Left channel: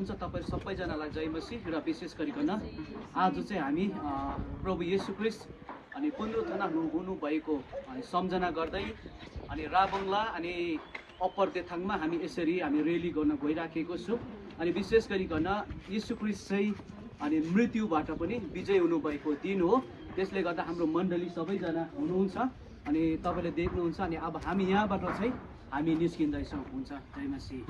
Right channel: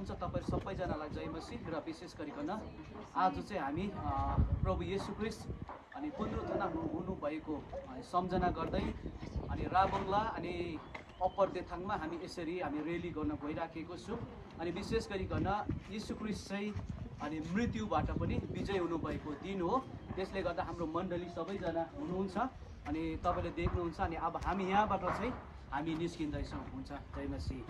हुन्छ तपाईहरु सबैजनालाई जय मसीह र विशेष गरिकन आज चाहिँ हामी प्रभु येशू ख्रीष्ट अनि पुनरुत्थान हुनु भएको सम्झना गर्दै अनि राबंगला अनि अप्पर देथाङमा हामी यसरी हामी रेली गर्न गइराखेको छु अनि विशेष गरिकन येशू ख्रीष्ट चाहिँ अनि मृत्युबाट पनि विजय हुनु भएको दिन हो। त्यसले गर्दा हाम्रो मण्डली सबैजना हुनुहुन्छ अनि तपाईले देख्नुहुन्छ अनि अब हामी यहाँबाट चाहिँ हामी निस्किँदैछौँ। हुन्छ जय मसीह।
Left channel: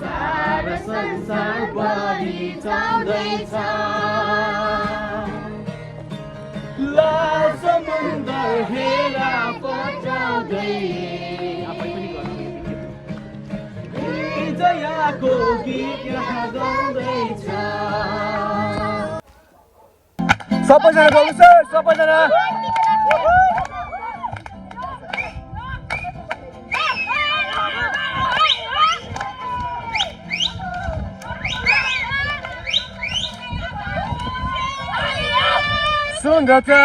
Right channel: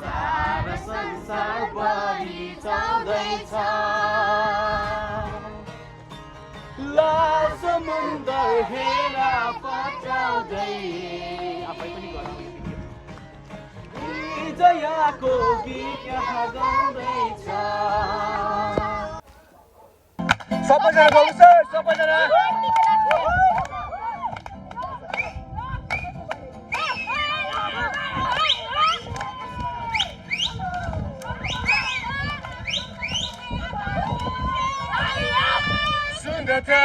सारा संसार बढी जाउँदैछ ला समुद्र हेरा पचाउँदै विजयको गीत यहाँ गाउँदैछ। सबैजना बोल्नु सर, सबैजना सुन्दरता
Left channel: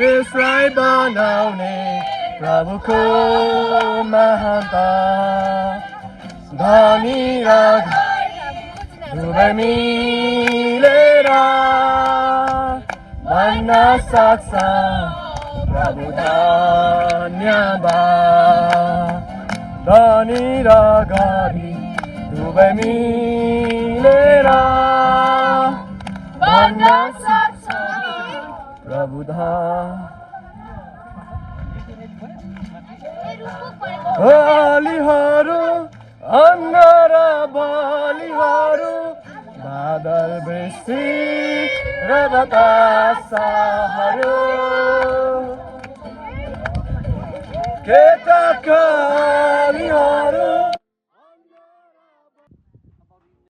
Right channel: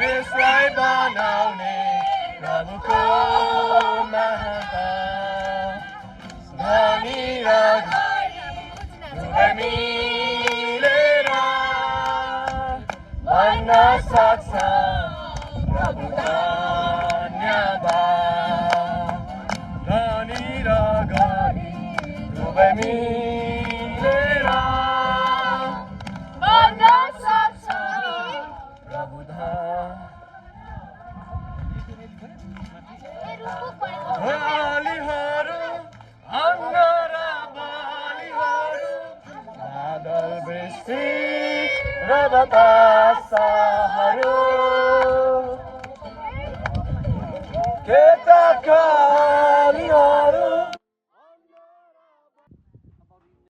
यसलाई बनाउने प्रभुको महानता धनी र दुवै मिलेर भन्न सक्छ प्रभु धन्यवाद। धनी र गरिब दुवै मिलेर भन्न प्रभु बलिहरू अन्न र बलिहरू बादल वृष्टि र बतासहरू केटाका